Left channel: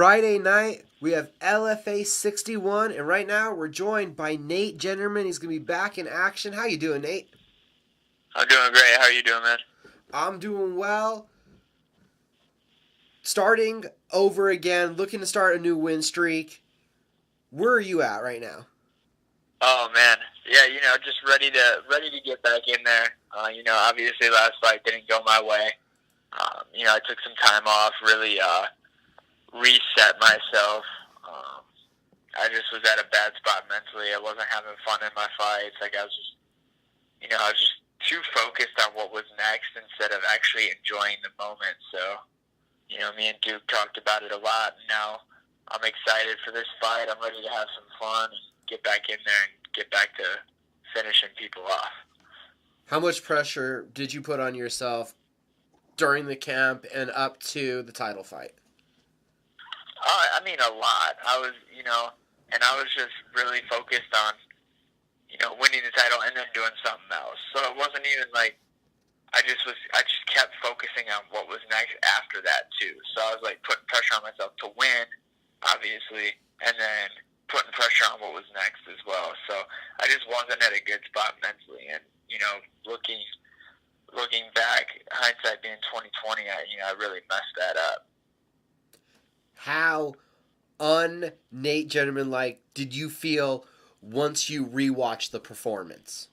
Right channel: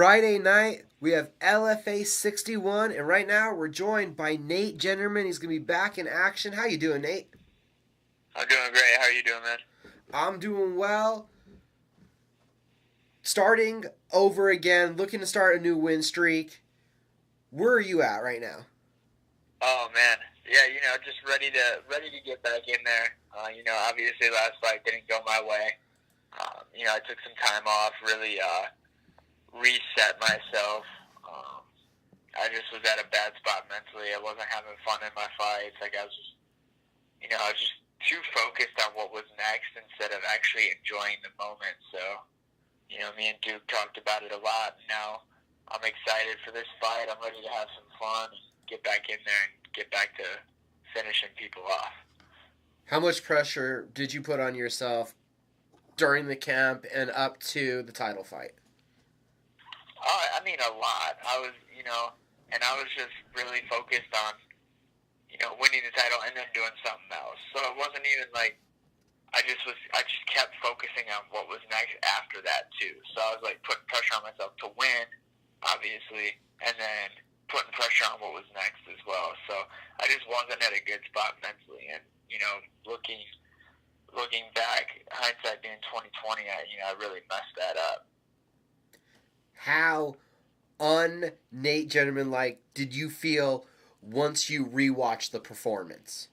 Friday night, we have LFA 61, and right now we're joined by Nate Jennerman. He's going to be back in action. How you doing, Nate? I'm doing great. How are you doing, man? I'm doing well. Starting over again, looking to start a new win streak. Where are you at right now? Oh man, yeah, just ready to get back in there. Obviously last fight didn't go my way. I took some time off, really reset myself. I just was at a bad spot mentally. I wasn't having fun in my fights. Like I was just too focused on what was next instead of actually enjoying the moment. So, me and Duke talked about it a lot. Now I'm excited for this fight. I'm ready to have some fun and get back in there and get back to finishing people off. How much pressure did you put on yourself during the camp and up to the title fight? A lot. I was just really focused on, winning the title and then doing something else. So it wasn't even like I just kept focusing on what was next after that too. So I was like putting pressure on myself to win, obviously, and then putting pressure on what was next as well. So I just wasn't at a good spot mentally, and looking back, hindsight being 2020, I really messed that up. How Nate Jennerman like did you feel once you rewatched the performance?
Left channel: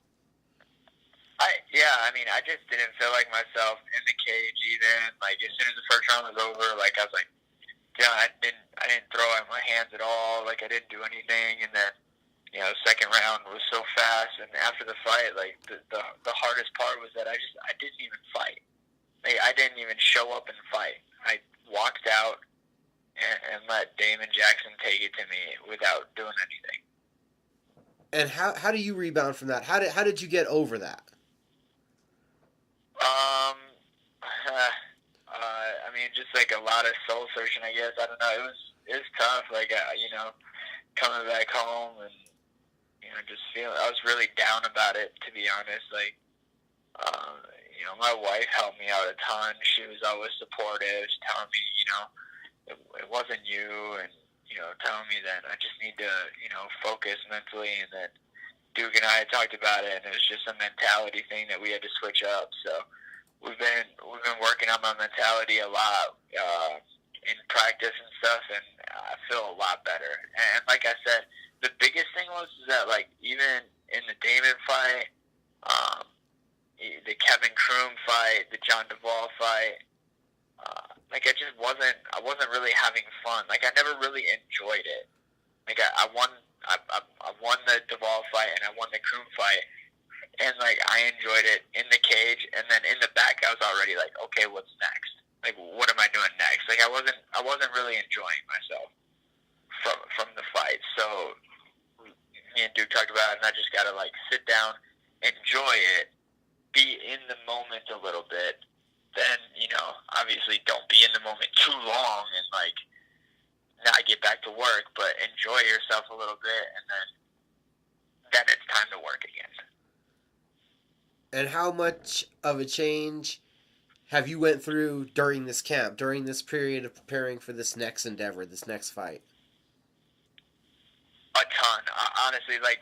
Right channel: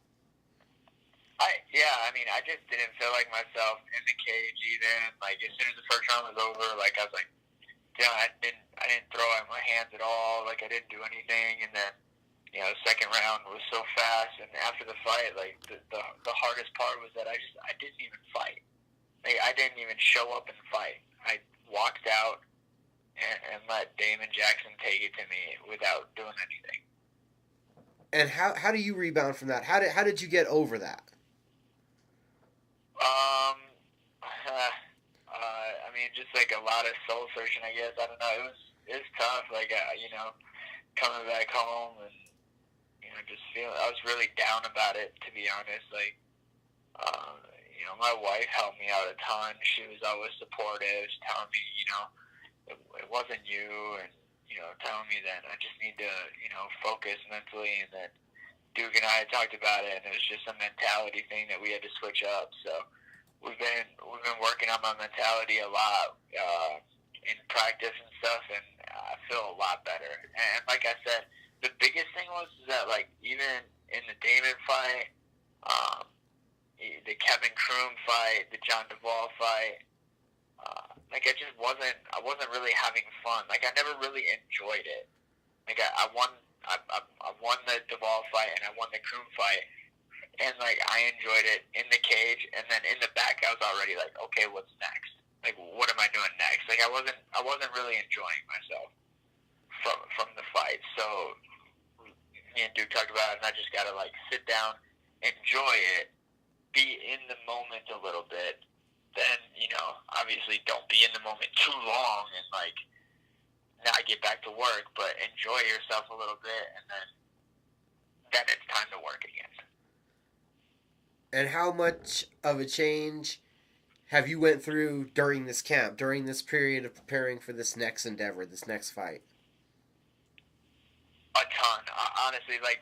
I just didn't feel like myself in the cage even. Like as soon as the first round was over, like I was like, I didn't throw out my hands at all. Like I didn't do anything, and then second round was so fast, and after the fight, like the hardest part was that I didn't even fight. Like I didn't even show up and fight. I walked out and let Damon Jackson take it to me without doing anything. And how do you rebound from that? How did you get over that? Just like a lot of soul searching, I guess. I don't know. It was tough. Like coming back home and just feeling. I was really down about it, to be honest. Like, my wife helped me out a ton. She was always supportive, telling me, it wasn't you, and telling me that I just need to, focus mentally, and that Duke and I had talked about it, and it was just a mentality thing that we had to switch up. So we've been working on my mentality a lot in practice and stuff, and I feel a lot better. And like I said, the biggest thing was that like even in the Damon fight, the Kevin Kroom fight, the John Duvall fight. I wasn't really having fun. Like I never really enjoyed it. Like I won the Duvall fight and I won the Kroom fight, and like I enjoyed it in the cage, and then in the back I was already like, okay, what's next? Like what am I doing next? Like I wasn't really enjoying myself from the fight. So me and Duke talked about it, and I just gotta like sit down, enjoy it, be in the moment a little bit. Then, obviously don't be in the moment too long and, like, not get back to work, but enjoy yourself a little bit, and then it's time to work again. And how much of a change have you went through during this camp, during this period of preparing for this next endeavor, this next fight? A ton. Honestly, like,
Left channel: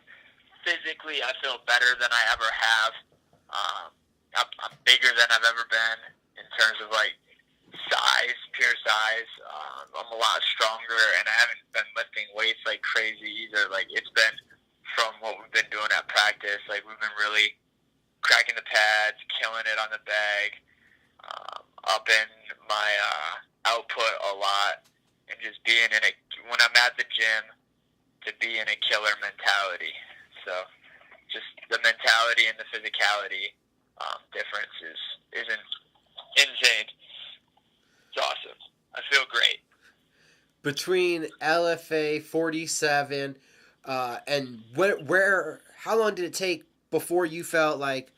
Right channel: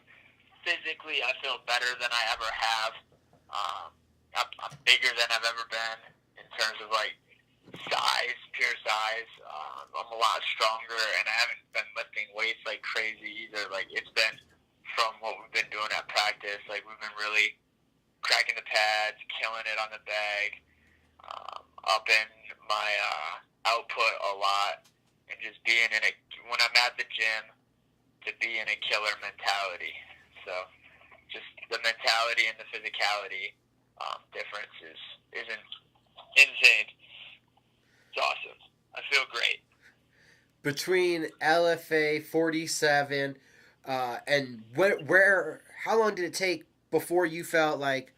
physically I feel better than I ever have. I'm bigger than I've ever been in terms of like size, pure size. I'm a lot stronger, and I haven't been lifting weights like crazy either. Like it's been from what we've been doing at practice. Like we've been really cracking the pads, killing it on the bag, upping my output a lot, and just being when I'm at the gym, to be in a killer mentality. So just the mentality and the physicality difference isn't insane. It's awesome. I feel great. Between LFA 47 and how long did it take before you felt like,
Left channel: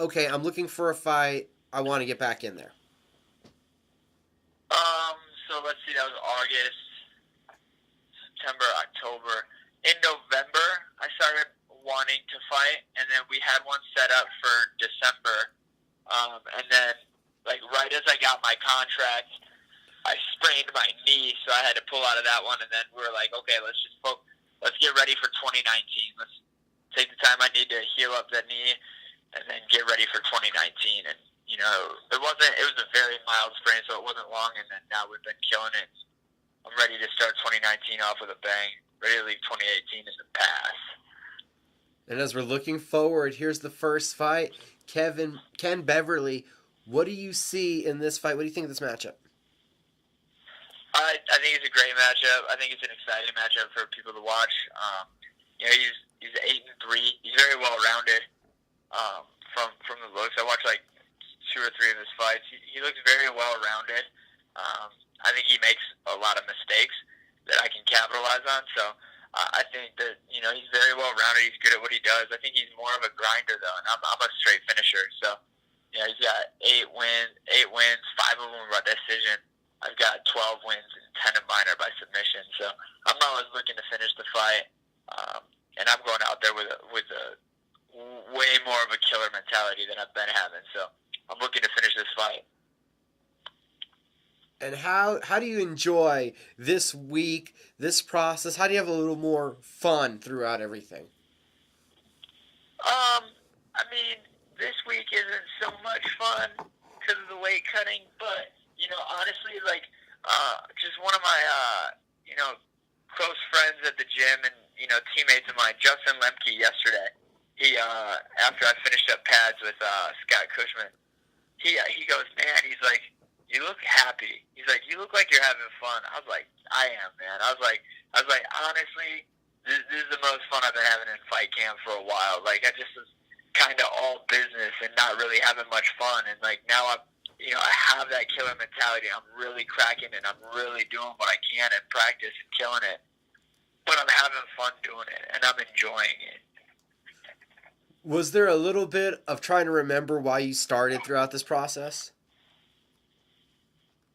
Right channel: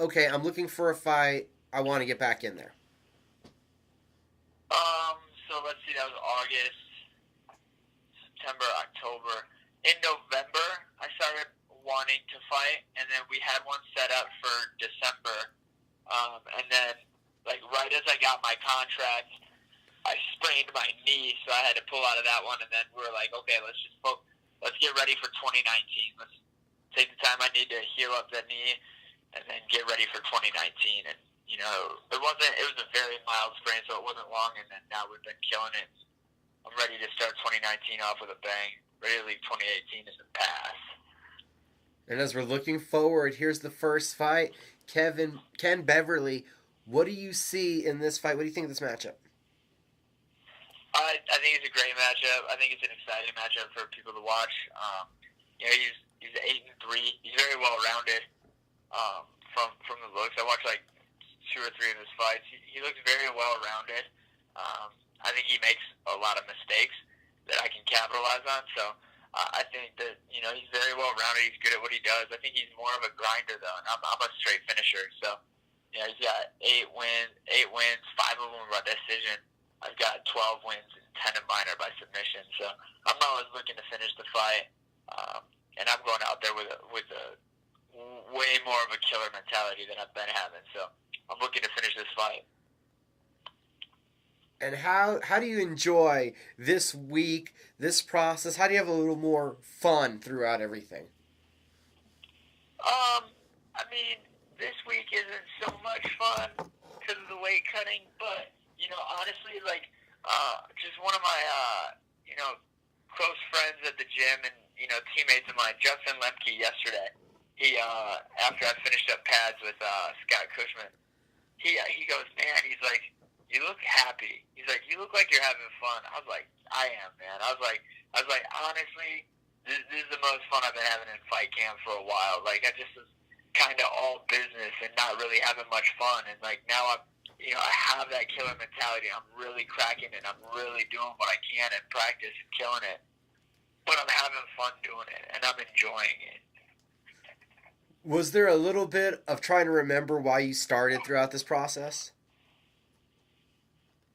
okay, I'm looking for a fight, I want to get back in there? So let's see, that was August, September, October. In November, I started wanting to fight, and then we had one set up for December. And then, like, right as I got my contract, I sprained my knee, so I had to pull out of that one. And then we were like, okay, let's get ready for 2019. Let's take the time I need to heal up that knee, and then get ready for 2019. And you know, it was a very mild sprain, so it wasn't long. And then now we've been killing it. I'm ready to start 2019 off with a bang. Ready to leave 2018 in the past. And as we're looking forward, here's the first fight. Ken Beverly, what do you see in this fight? What do you think of this matchup? I think it's a great matchup. I think it's an exciting matchup for people to watch. You know, he's 8-3. He's very well rounded. From the looks, I watched like 2 or 3 of his fights. He looks very well rounded. I think he makes a lot of mistakes that I can capitalize on. So I think that, you know, he's very well rounded. He's good at what he does. I think he's more of a grinder though, and I'm a straight finisher. So yeah, he's got 8 wins, 5 of them by decision. I've got 12 wins and 10 of mine are by submission. So I'm always looking to finish the fight, and I'm going out there with a way more of a killer mentality than I've been having. So I'm looking to finish this fight. And how do you enjoy this week, this process? How do you have a little more fun throughout everything? I mean, this week isn't so much fun because of the weight cutting, but you know, honestly, like, just one of my, you know, close friends at the gym and, you know, teammates of mine, Justin Lemke, yesterday, he, after I finished up pads with, Scott Cushman, he goes, man, he's like, you look happy. He's like, you look like you're having fun. I was like, I am, man. I was like, honestly, this is the most fun I've been having in fight camp for a while. Like, I just was kind of all business and not really having much fun. And, like, now you know, I have that killer mentality. I'm really cracking it. I'm really doing what I can in practice and killing it. But I'm having fun doing it, and I'm enjoying it. Was there a little bit of trying to remember why you started throughout this process?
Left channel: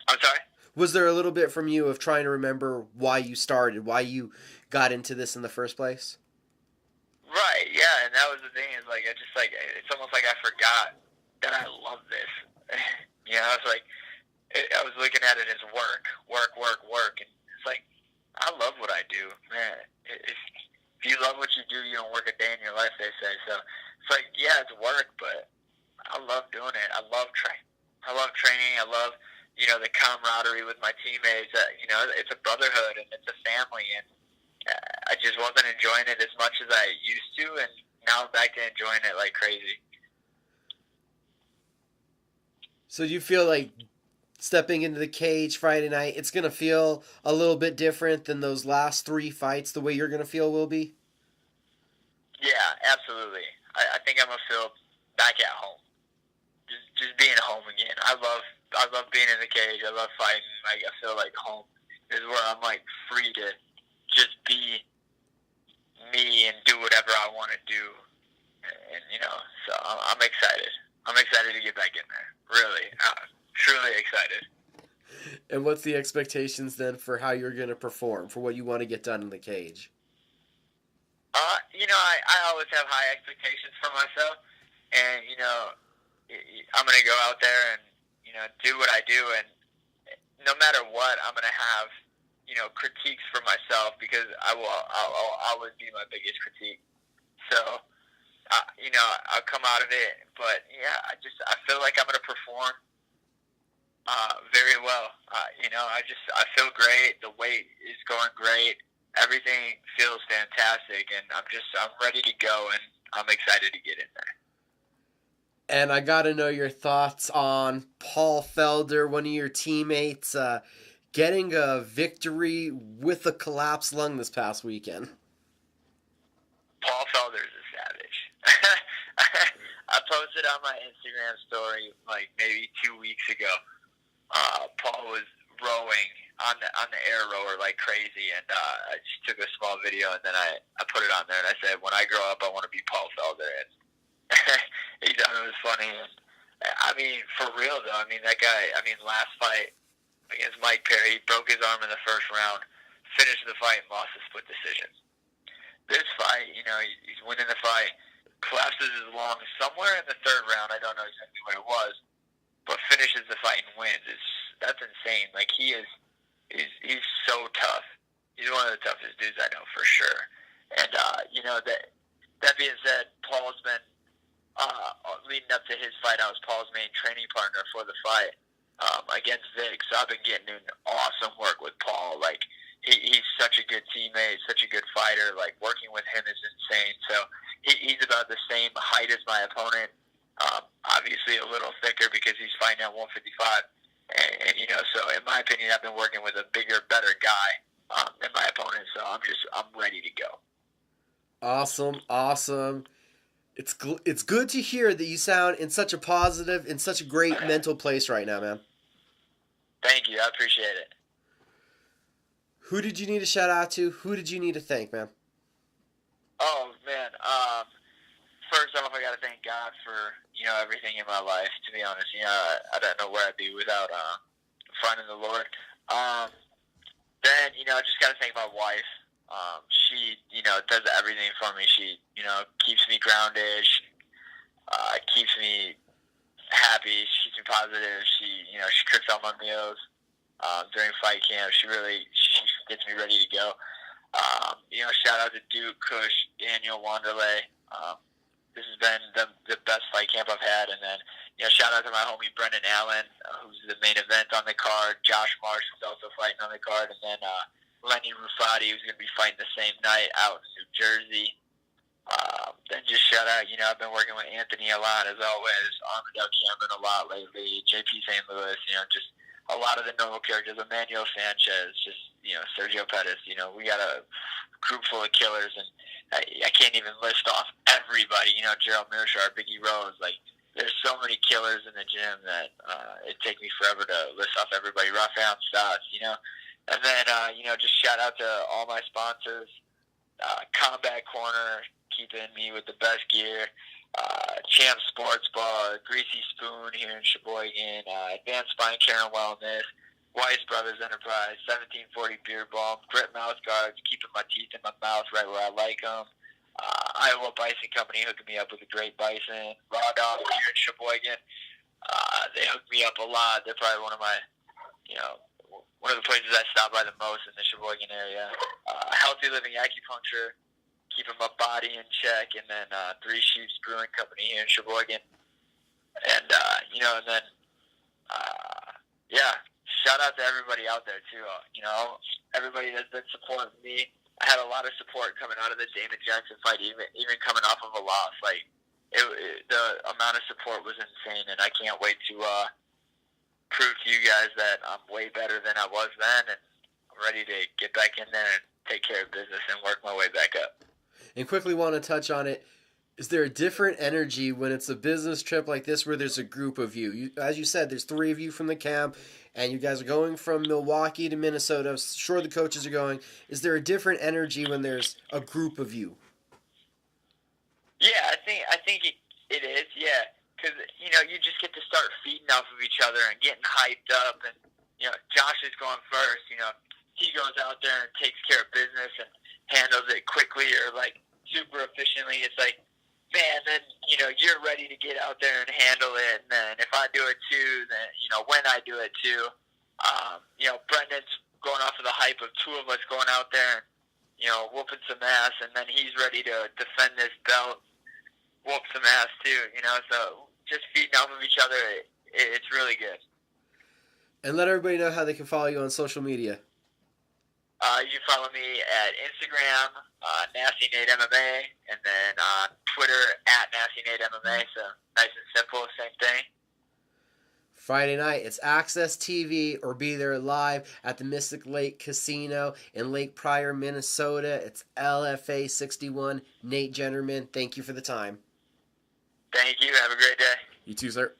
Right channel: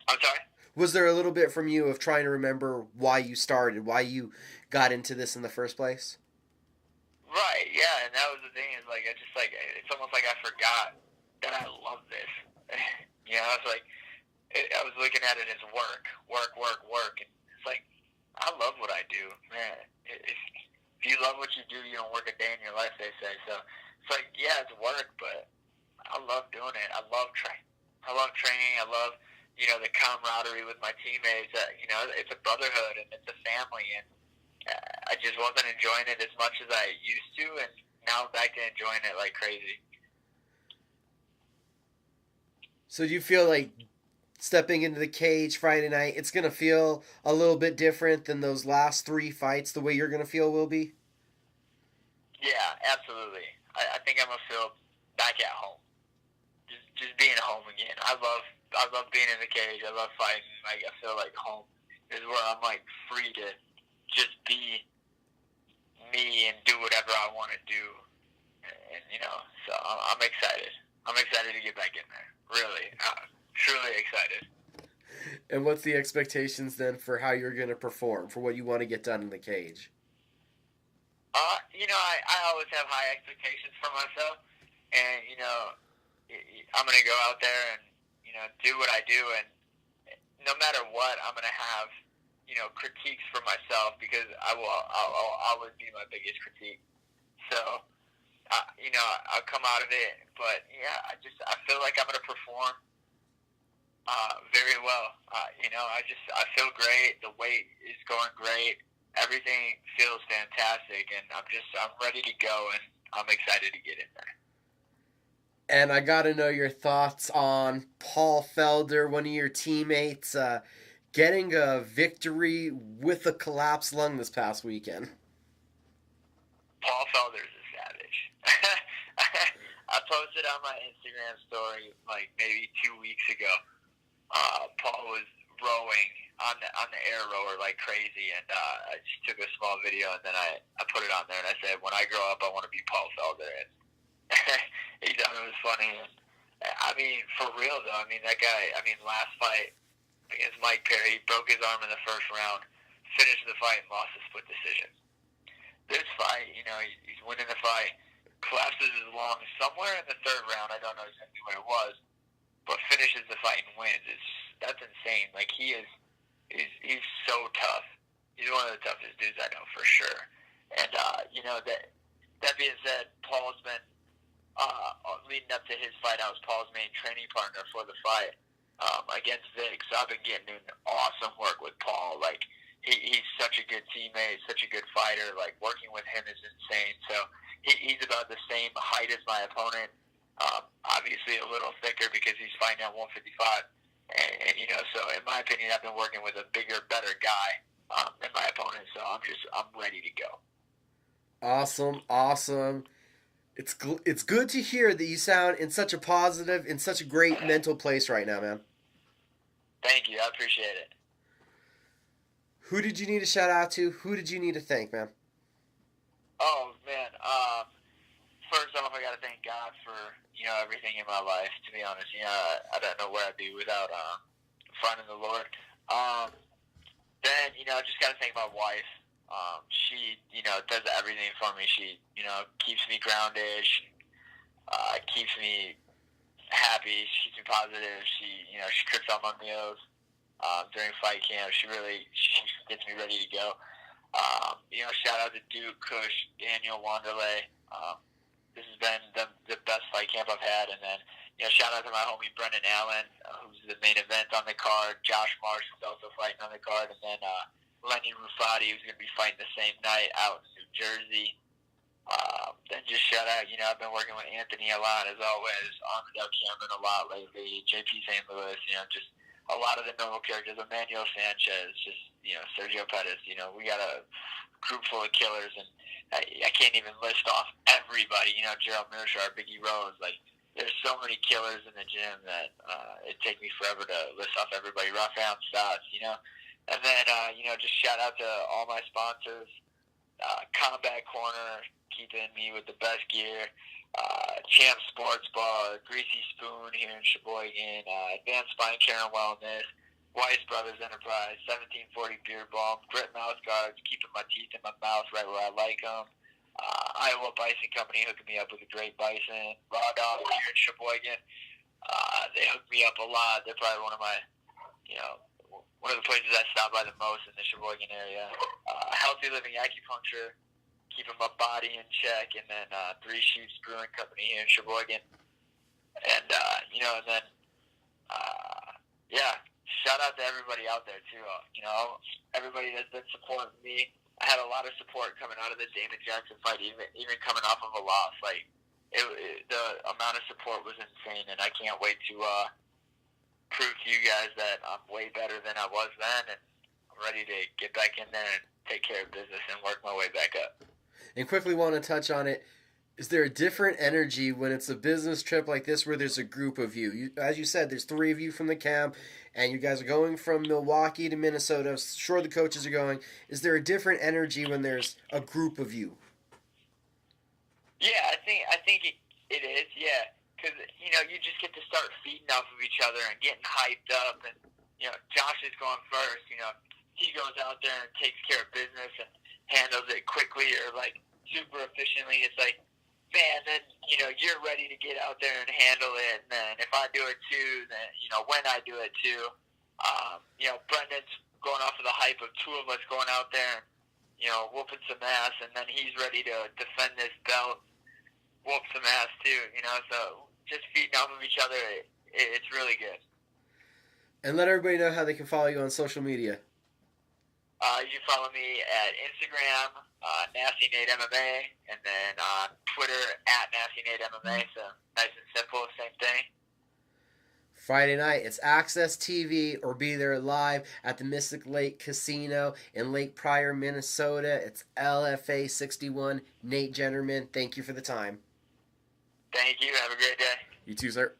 I'm sorry? Was there a little bit from you of trying to remember why you started, why you got into this in the first place? Right, yeah, and that was the thing. Is like, it's almost like I forgot that I love this. You know, it's like, I was looking at it as work. And it's like, I love what I do, man. If you love what you do, you don't work a day in your life, they say. So it's like, yeah, it's work, but I love doing it. I love training. I love, you know, the camaraderie with my teammates. You know, it's a brotherhood and it's a family. And I just wasn't enjoying it as much as I used to. And now I'm back to enjoying it like crazy. So do you feel like stepping into the cage Friday night, it's going to feel a little bit different than those last 3 fights, the way you're going to feel will be? Yeah, absolutely. I think I'm going to feel back at home. Just being home again. I love being in the cage. I love fighting. Like, I feel like home is where I'm, like, free to just be me and do whatever I want to do. And you know, so I'm excited. I'm excited to get back in there. Really. Truly excited. And what's the expectations then for how you're going to perform, for what you want to get done in the cage? You know, I always have high expectations for myself. And, you know, I'm going to go out there and, you know, do what I do. And no matter what, I'm going to have, you know, critiques for myself because I'll always be my biggest critique. So, you know, I'll come out of it, but yeah, I feel like I'm going to perform very well. You know, I feel great. The weight is going great. Everything feels fantastic, and I'm ready to go, and I'm excited to get in there. And I got to know your thoughts on Paul Felder, one of your teammates, getting a victory with a collapsed lung this past weekend. Paul Felder's a savage. I posted on my Instagram story like maybe 2 weeks ago. Paul was rowing on the air rower like crazy, and I just took a small video and then I put it on there and I said, when I grow up, I want to be Paul Felder. And he thought it was funny. And, I mean, for real though. I mean, that guy. I mean, last fight against Mike Perry, he broke his arm in the first round, finished the fight, and lost a split decision. This fight, you know, he's winning the fight, collapses his lung somewhere in the third round. I don't know exactly what it was, but finishes the fight and wins. that's insane. Like, he's so tough. He's one of the toughest dudes I know for sure. And that being said, Paul's been leading up to his fight. I was Paul's main training partner for the fight against Vic. So I've been getting in awesome work with Paul. Like, he's such a good teammate, such a good fighter. Like, working with him is insane. So he's about the same height as my opponent. Obviously a little thicker because he's fighting at 155. And so in my opinion, I've been working with a bigger, better guy than my opponent. So I'm ready to go. Awesome. It's good to hear that you sound in such a positive, in such a great mental place right now, man. Thank you. I appreciate it. Who did you need to shout out to? Who did you need to thank, man? Oh, man. First off, I got to thank God for, everything in my life, to be honest. I don't know where I'd be without finding the Lord. Then, I just got to thank my wife. She, does everything for me. She, keeps me grounded. She keeps me happy. She keeps me positive. She cooks all my meals during fight camp. She gets me ready to go. Shout out to Duke, Kush, Daniel, Wanderlei. This has been the best fight camp I've had. And then, shout out to my homie Brendan Allen, who's the main event on the card. Josh Marsh, who's also fighting on the card. And then Lenny Rufati, who's going to be fighting the same night out in New Jersey. Then just shout out, I've been working with Anthony a lot, as always. Armandale Cameron a lot lately. JP St. Louis, just a lot of the normal characters. Emmanuel Sanchez, just, Sergio Pettis. We got a group full of killers, and I can't even list off everybody. Gerald Mearshart, Biggie Rose. Like, there's so many killers in the gym that it'd take me forever to list off everybody. Raphael Stotts, And then, just shout out to all my sponsors. Combat Corner, keeping me with the best gear. Champ Sports Bar, Greasy Spoon here in Sheboygan, Advanced Spine Care and Wellness, Weiss Brothers Enterprise, 1740 Beer Balm, Grit Mouth Guards, keeping my teeth in my mouth right where I like them. Iowa Bison Company hooking me up with a great bison. Raw Dog here in Sheboygan. They hook me up a lot. They're probably one of my, one of the places I stop by the most in the Sheboygan area. Healthy Living Acupuncture, keeping my body in check. And then Three Sheeps Brewing Company here in Sheboygan. And, shout out to everybody out there, too. Everybody that's been supporting me. I had a lot of support coming out of the Damon Jackson fight, even coming off of a loss. Like, the amount of support was insane, and I can't wait to prove to you guys that I'm way better than I was then, and I'm ready to get back in there and take care of business and work my way back up. And quickly want to touch on it. Is there a different energy when it's a business trip like this where there's a group of you? As you said, there's 3 of you from the camp, and you guys are going from Milwaukee to Minnesota. Sure, the coaches are going. Is there a different energy when there's a group of you? Yeah, I think it is, yeah. Because, you just get to start feeding off of each other and getting hyped up. And, Josh is going first. He goes out there and takes care of business and handles it quickly or, super efficiently. It's like, man, then, you're ready to get out there and handle it. And then if I do it too, then, when I do it too, Brendan's going off of the hype of 2 of us going out there and, whooping some ass. And then he's ready to defend this belt, whoop some ass too, So just feeding off of each other, it's really good. And let everybody know how they can follow you on social media. You can follow me at Instagram, Nasty Nate MMA, and then on Twitter at Nasty Nate MMA. So nice and simple, same thing. Friday night, it's Access TV or be there live at the Mystic Lake Casino in Lake Pryor, Minnesota. It's LFA 61. Nate Jennerman, thank you for the time. Thank you. Have a great day. You too, sir.